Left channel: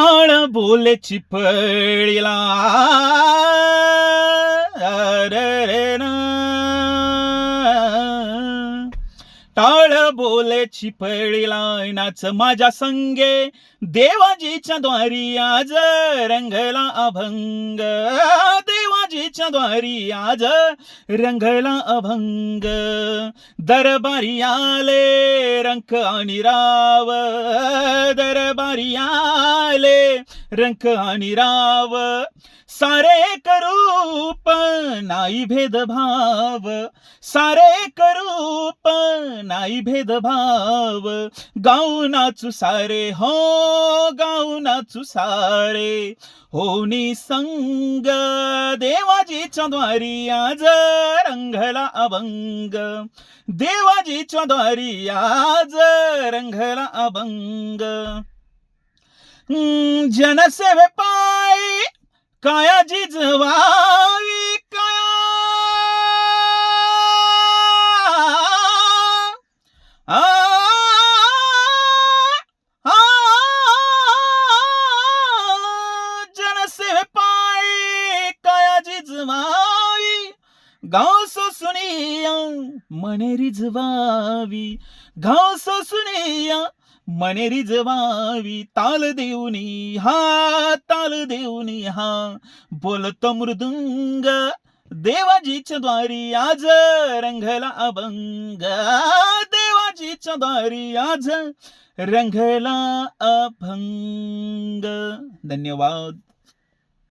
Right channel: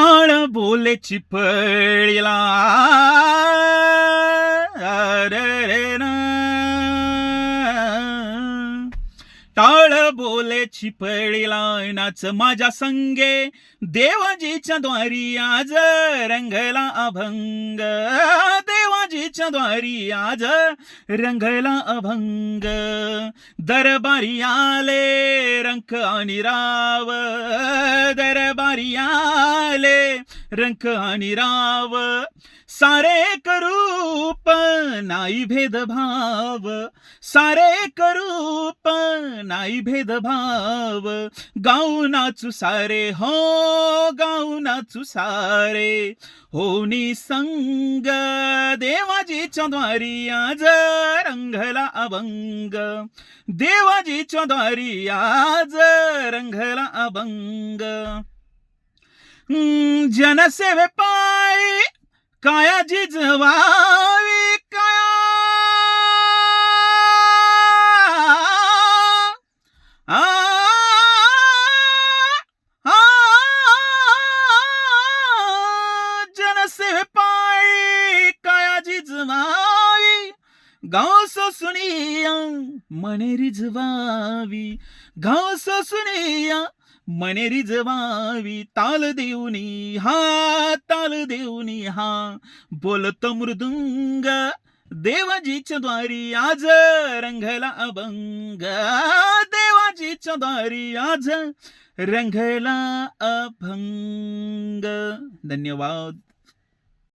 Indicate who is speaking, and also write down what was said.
Speaker 1: टाळ बोले चिपळीला. रे रे ना. टाळ बोले चिपळीला नाच माझ्या संगे. देवाजीच्या द्वारी आज रंगला अभंग. राजेच्या द्वारी आज रंगला अभंग. दरबारी आले रंक आणि राव. दरबारी आले रंक आणि राव. सारे करूप नाही भेदभाव. सारे करूप नाही भेदभाव. गाऊ नाचू सारे हो गाऊ नाचू सारे. होनी संग दे देवाजी द्वारी आज रंगला अभंग. देवाजी द्वारी आज रंगला अभंग. जनसेवे पायी काया. जिजवावी काया आ, आ, जनसेवे घास सुनिया मने रिजवावी घास सुनिया मने रिजवावी ताल देऊनी हा ताल देऊनी हा. बोलत मृदुंग देवाजीच्या द्वारी आज रंगला अभंग. देवाजीच्या द्वारी आज रंगला अभंग. धन्यवाद.